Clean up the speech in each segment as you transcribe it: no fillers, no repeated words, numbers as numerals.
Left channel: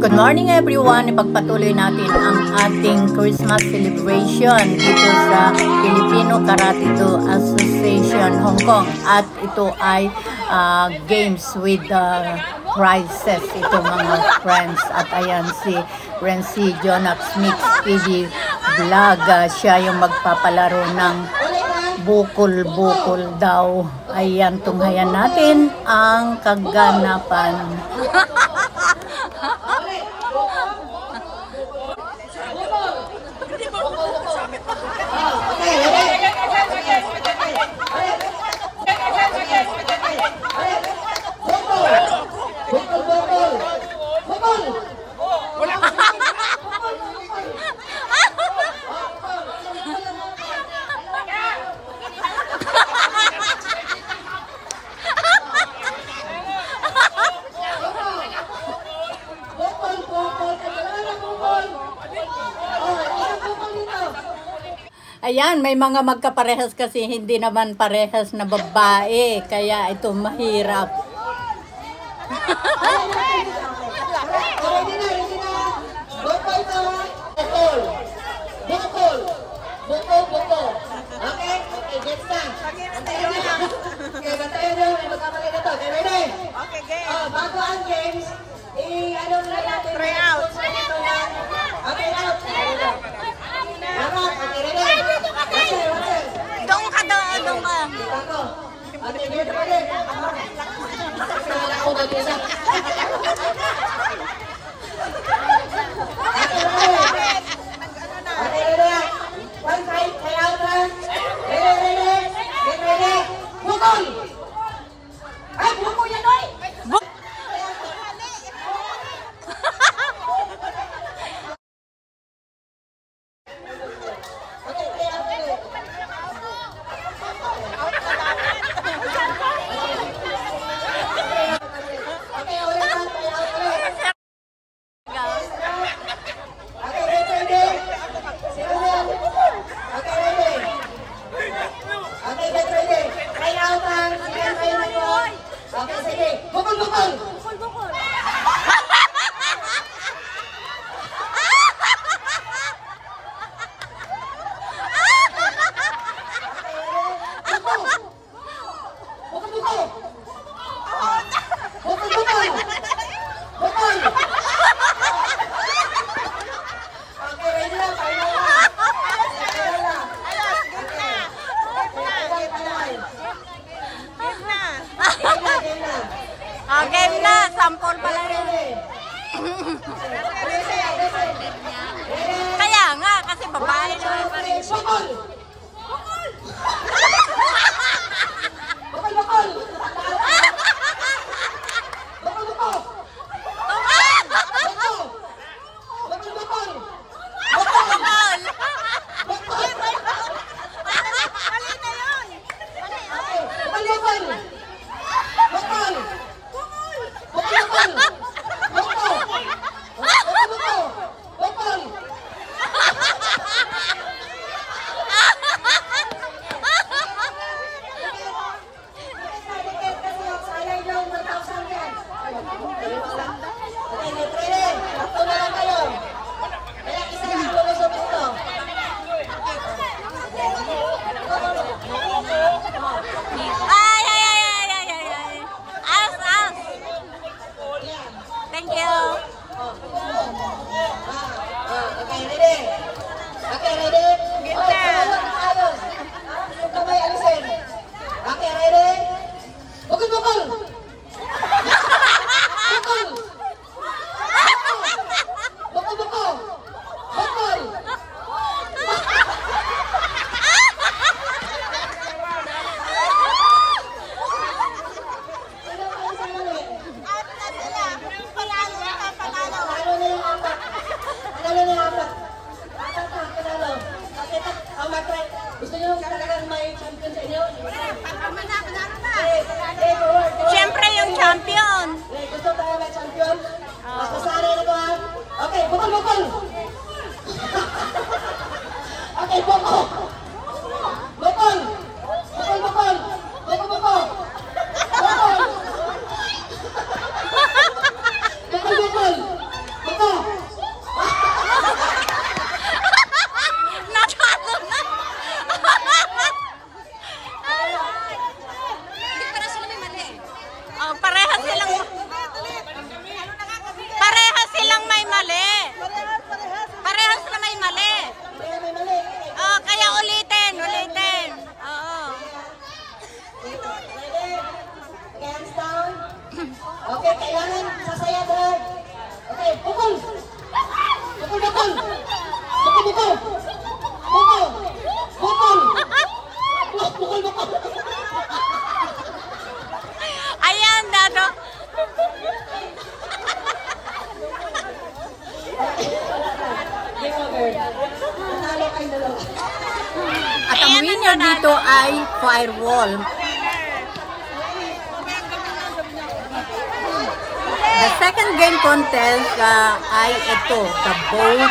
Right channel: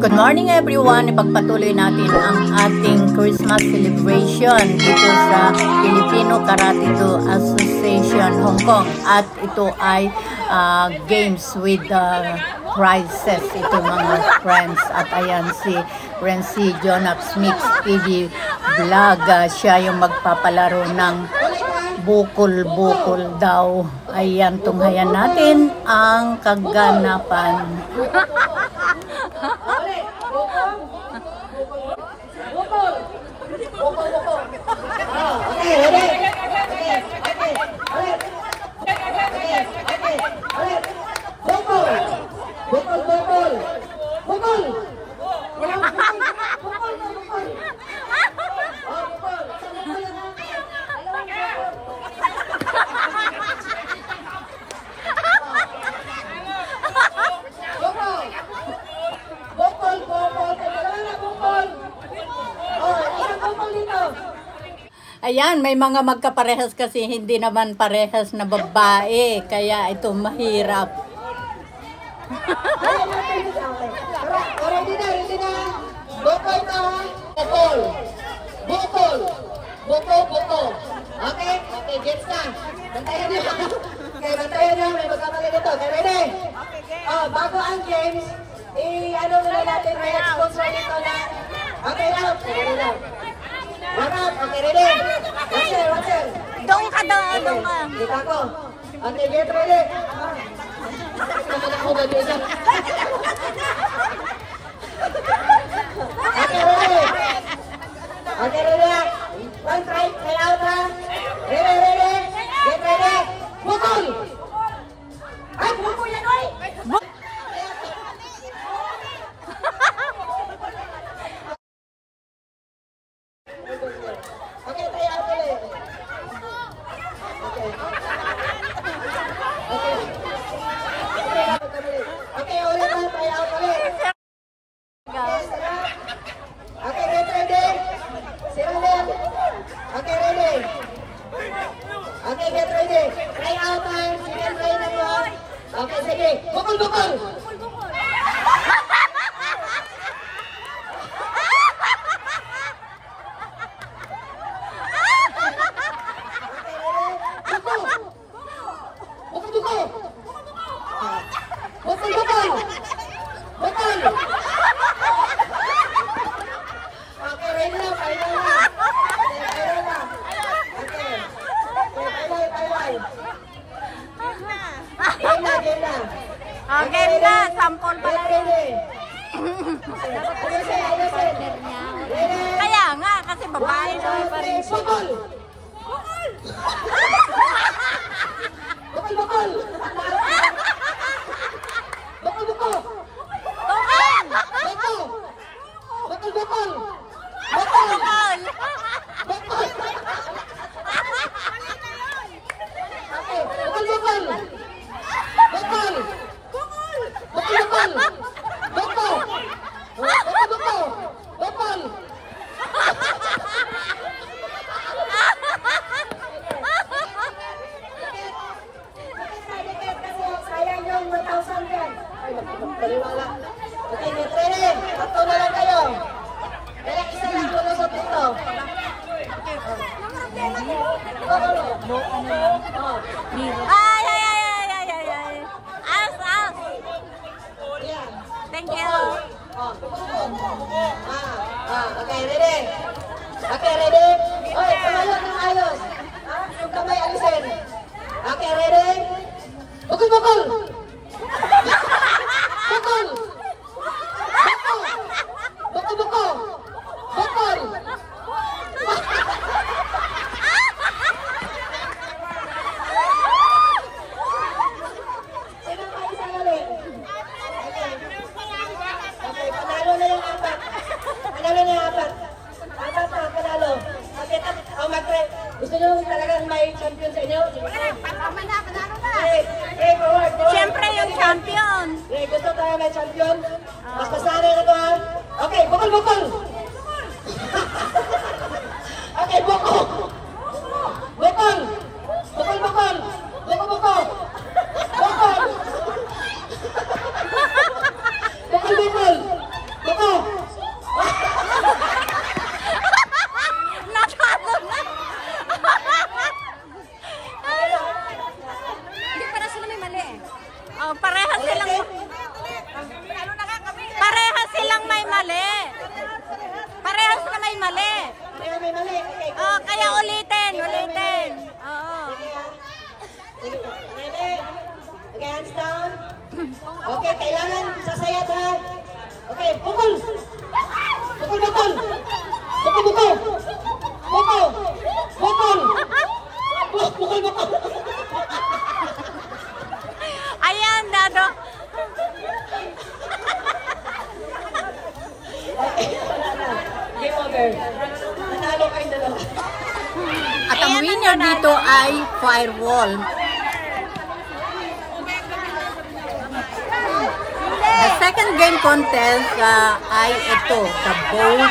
Good morning everyone! Ipagpatuloy natin ang ating Christmas celebration dito sa Filipino Karate Do Association Hong Kong. At ito ay games with prizes. Ito mga friends. At ayan si Renzi Jonax Mix TV Vlog. Siya yung magpapalaro ng bukol-bukol daw. Ayan, tunghayan natin ang kaganapan. Ayan, may mga magkaparehas kasi hindi naman parehas na babae. Kaya ito mahirap. Bukol. Okay? Okay, gets na. Bantayan nyo. Okay, bantayan nyo. May magkapalit ito. Okay, ready? Bago ang games, ano muna natin, may sponsor dito na. Okay, now. Okay, now. Lahat, okay, ready? Water. Doon ka. Dito ako. Okay, ready? Ako, bago isa. Okay, ready? Okay, ready? One try out, ha? Ready? Get ready? Bukol! Ay, bukol yan, oy! Okay, try out ulit. Okay, ulit na, try out ulit. Okay, get ready? Sit ulit. Okay, ready? Okay, get ready. Try out ang second try na po. Okay, sige. Bukol! Game na, sample pala yun. Kaya nga, kasi babae naman pa rin. Thank you. Okay, ready? Okay, ready? Okay, kamay alisin. Okay, ready? Bukol! Gusto nyo talagang may champion sa inyo? Siyempre yung champion. Gusto talaga may champion? Mas masanay na ba? Okay, bukol! Okay, bukol! Ready? Okay, hands down. Okay, kailangan sasaya ba? Okay, pukul. Pukul, pukul. Pukul, pukul. Pukul. Pukul. Pukul, pukul. Ayan, Dado. Game over. Natalo kayo dalawa. At ang winner dito ay Firewall. The second game contest ay ito, The Boat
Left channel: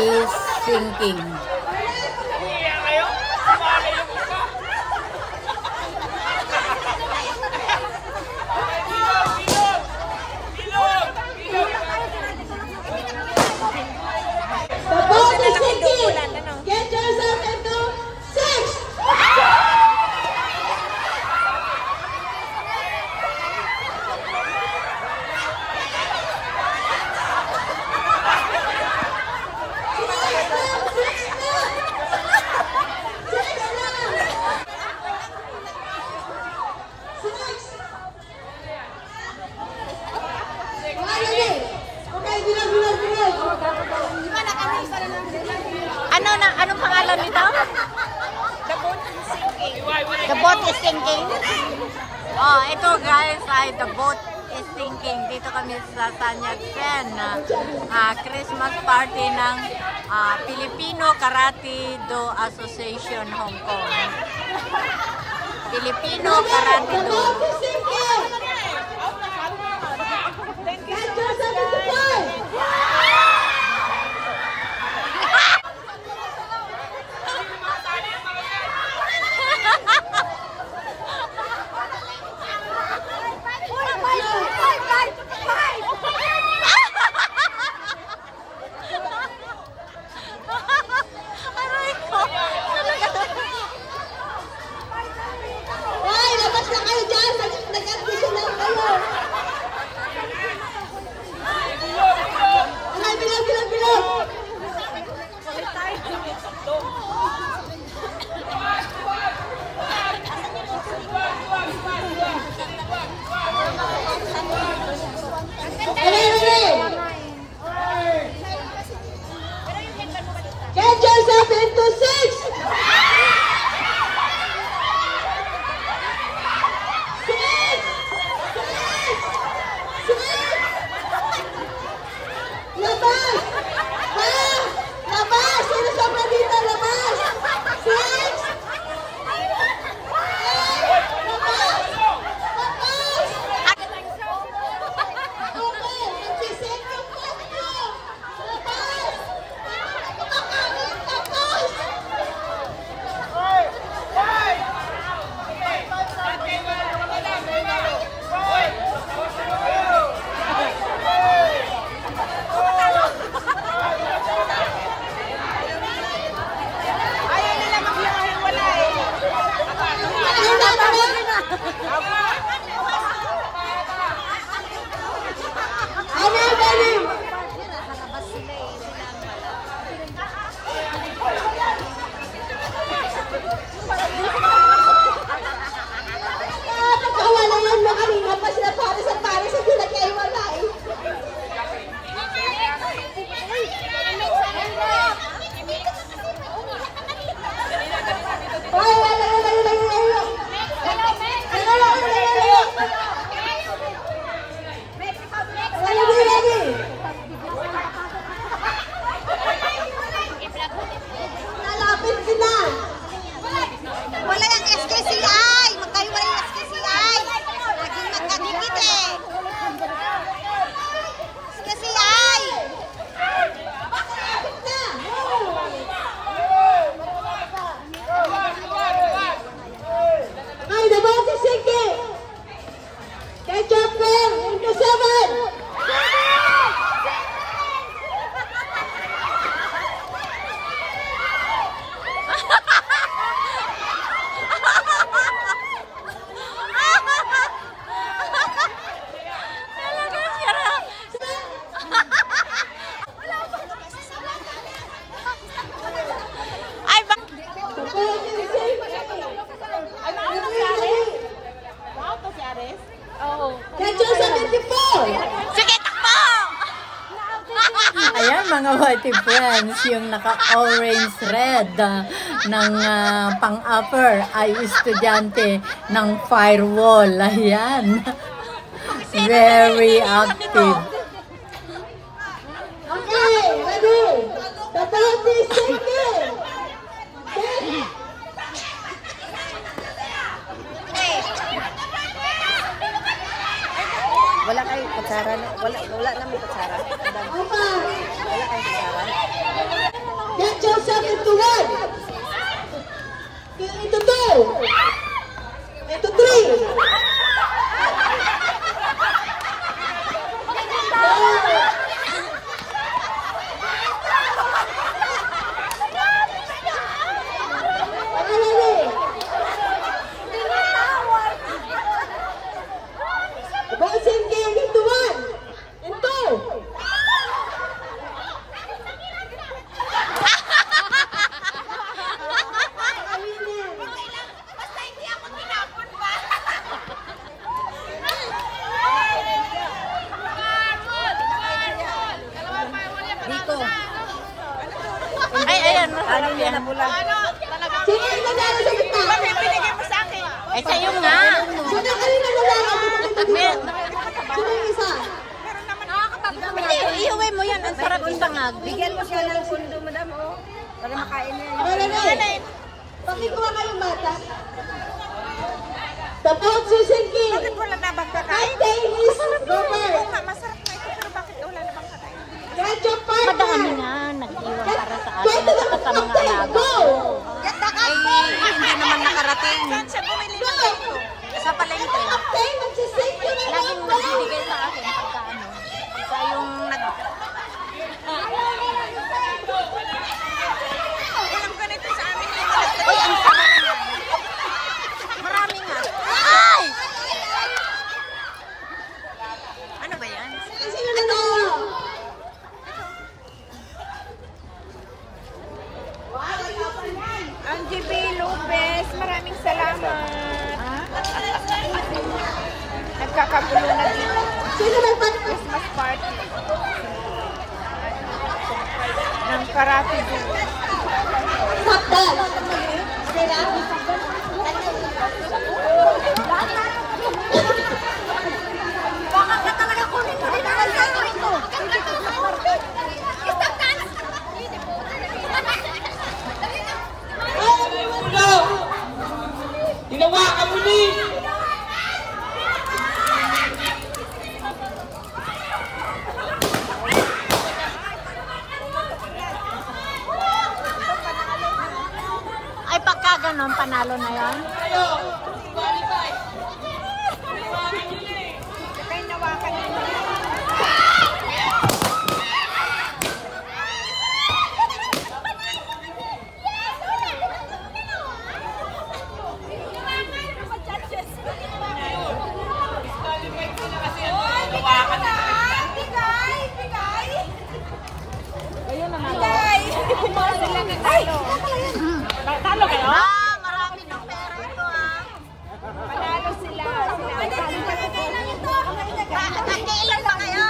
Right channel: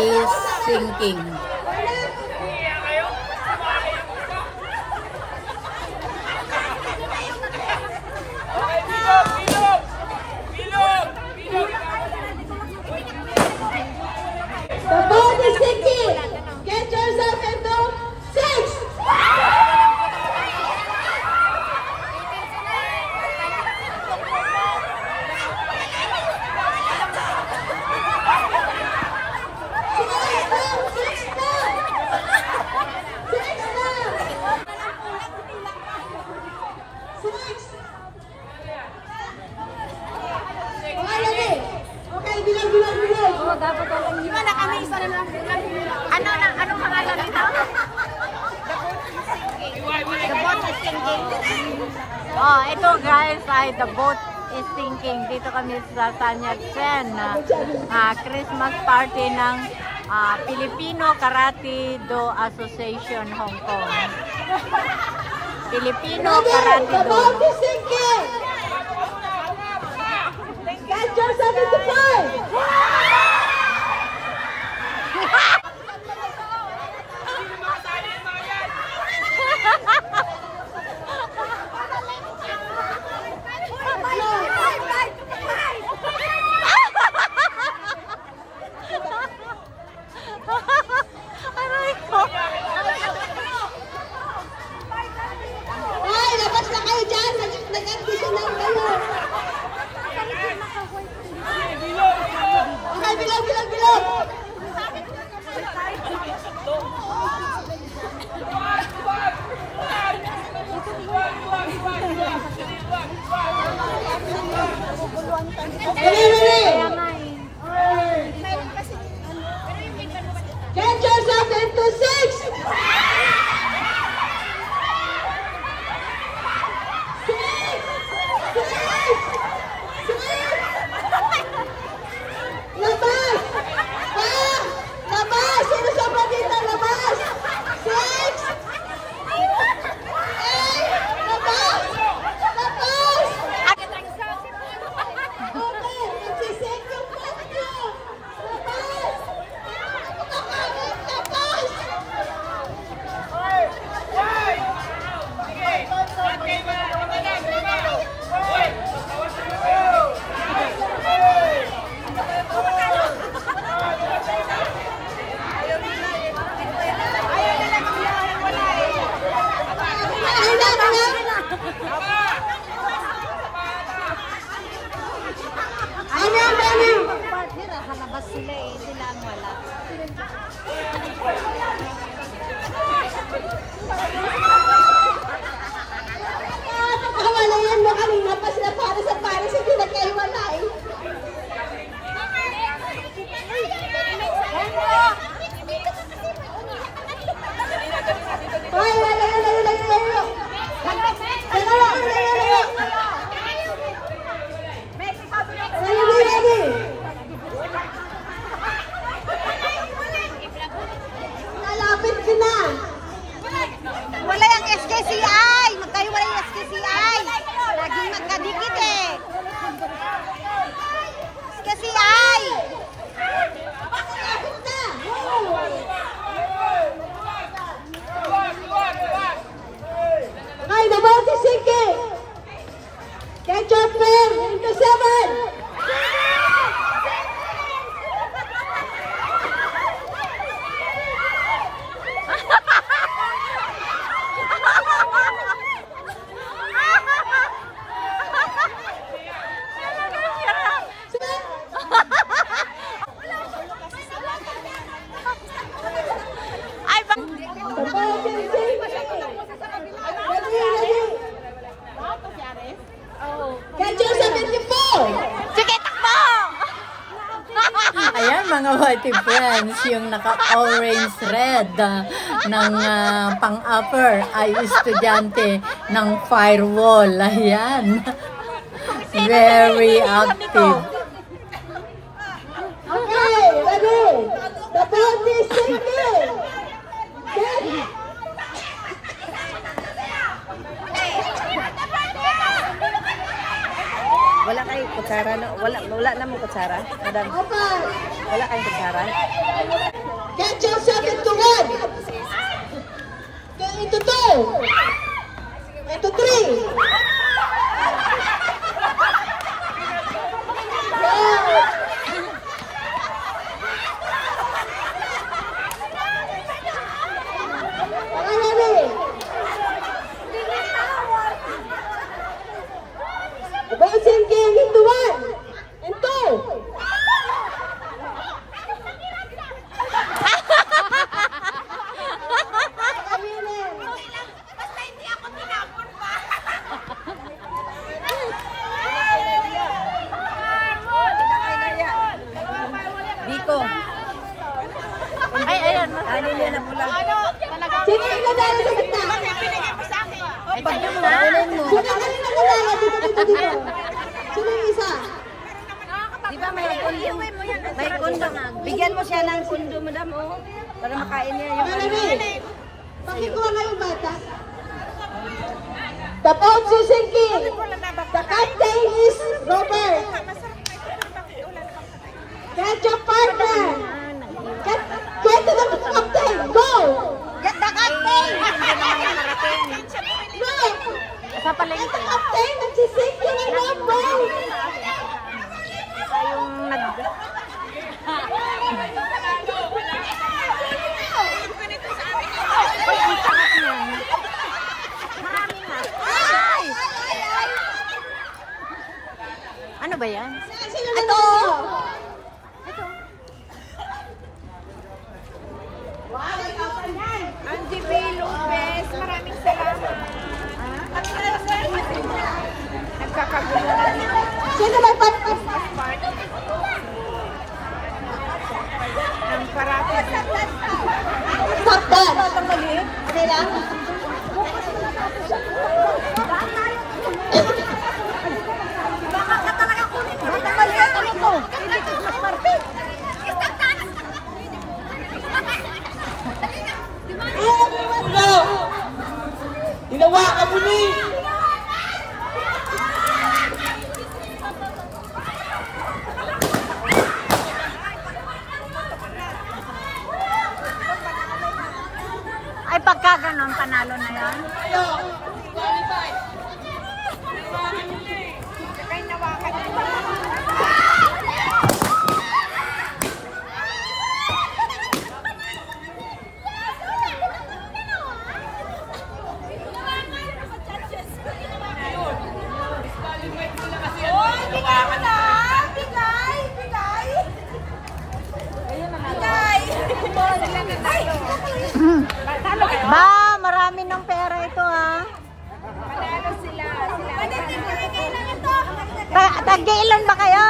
is Sinking. The boat is sinking. Get yourself into 6. Okay, bilang. Anong pangalan nito? The Boat is Sinking. Oh, ito guys ay The Boat is Sinking. Dito kami sa Sanyatsen, Christmas party ng Filipino Karate Do Association Hong Kong. Filipino Karate Do. Get yourself into 5. Aray ko. Hoy, labas na kayo dyan. Nag-admission lang kayo. Okay, bilang. Ready? Get yourself into 6. Labas! 5. mga whitey friends, yung naka-orange red ng pang-upper ay estudyante ng firewall. Ayan. Very active. Okay, ready? The belt is sinking. Wala kayong kutsara, no? Wala naman kutsara. Madam, Okay. wala kayong kutsara. Get yourself into one. Into two. Into three. Okay, ready? The ball is sinking into one. And two. Dito. Ay, ayan. Ano yan na pula? Sino yung nadala sa gitna? Ay, sa'yo nga. Sino yung nadala sa gitna dito? Sino yung isa? Iuwi mo yan. Ang sarap ibangag. Bigyan mo siya ng pundo, madam, oh. Para makain niya yung... Ready? Pakikuha nga yung bata. The boat is sinking. The captain is Robert. Get your partner. Get to the captain. Go. Hindi naman nakarating. Go. Sa palengke. Captain, nagsisinking na Laging yung boat. magbibigay sa akin pagka ano. Pagka yung Uy, ang sarap nun. Marami nga. Ay! Ano ba yan? Sino na? Angie B. Lopez, maraming salamat. Nagkakagulo na Sino nagpapos? ng karate. Stop dance. Okay na? Ginawa ka muli! Ay, pagka ganon, panalo na yan. Ba, marami ng pera ito ha. Tag-ilan ba kayo?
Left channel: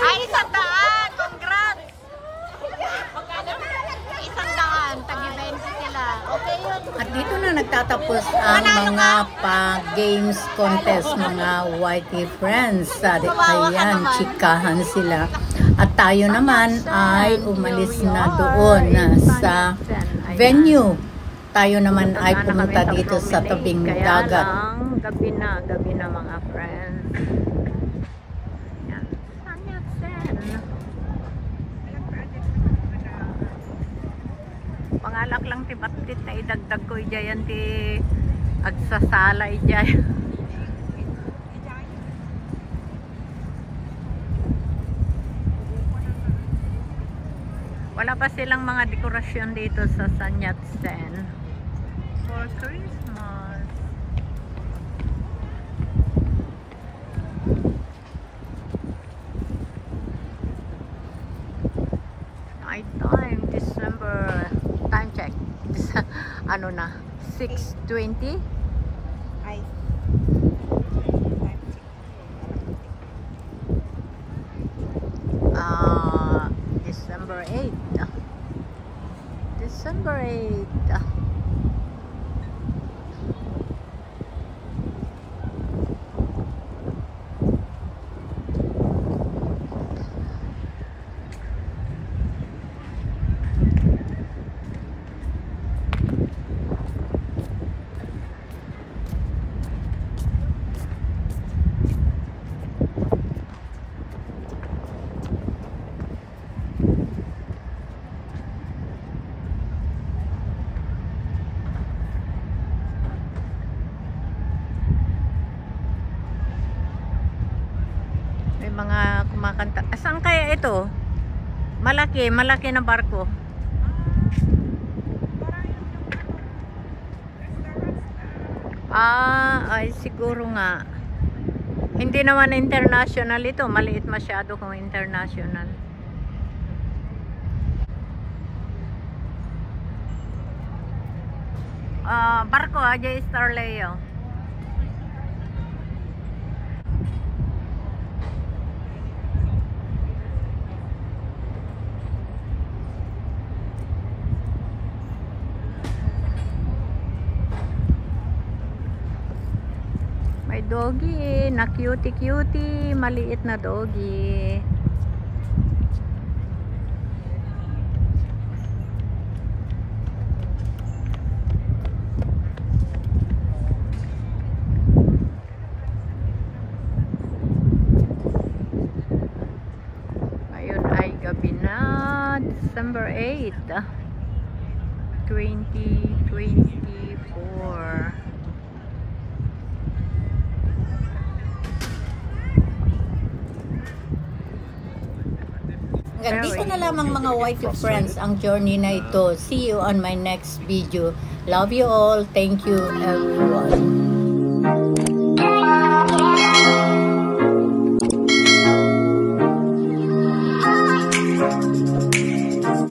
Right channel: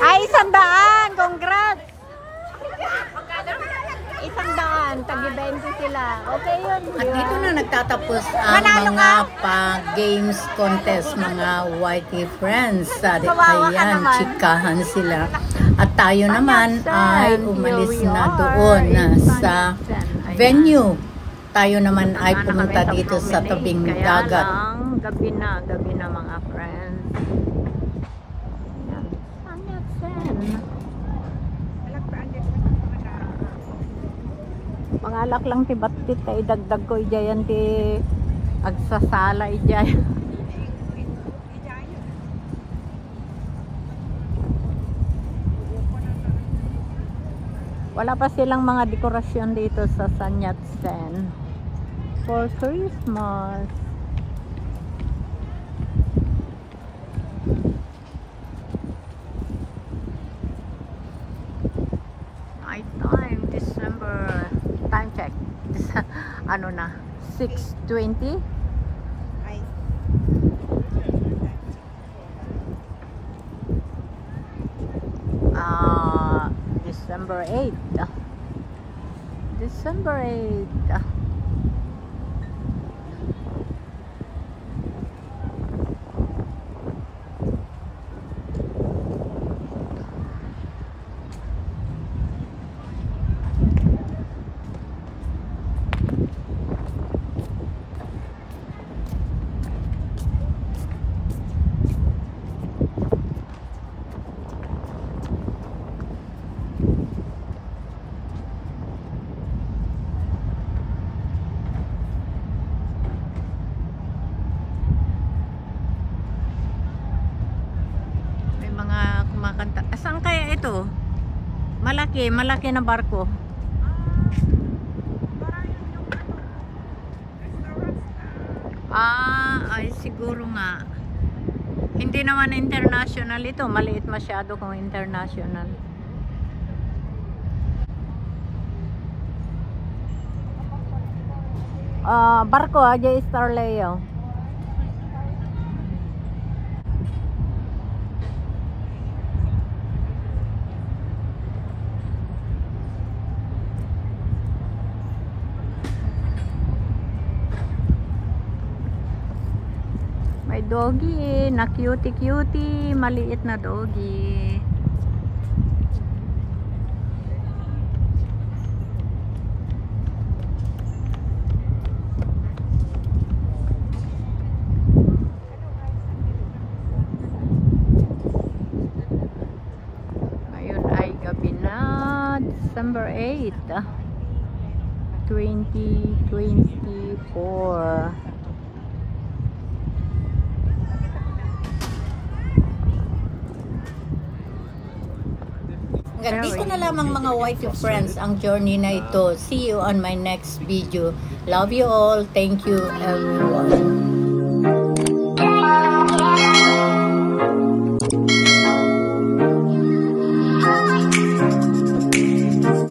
Ay, 100. Congrats. 100. Tag-20 sila. Okay yun. At dito na nagtatapos ang mga pa-games contest, mga whitey friends. Ayan, chikahan sila. At tayo naman ay umalis na doon sa venue. Tayo naman ay pumunta dito sa tabing dagat. Gabi na mga friends. Yan. Mga alak lang ti batit ay dagdag ko ijayan ti agsasala ijay. Wala pa silang mga dekorasyon dito sa San Yat-sen for Christmas. Night time, December. Time check. Ano na? 6:20? 8. December 8. Mga kumakanta. Saan kaya ito? Malaki na barko. Ay siguro nga. Hindi naman international ito. Maliit masyado kung international. Barko, J. Starleo. May doggy na cutie, maliit na doggy. Ngayon ay gabi na, December 8, 2024. Hanggang dito na lamang mga YT friends ang journey na ito. See you on my next video. Love you all. Thank you everyone.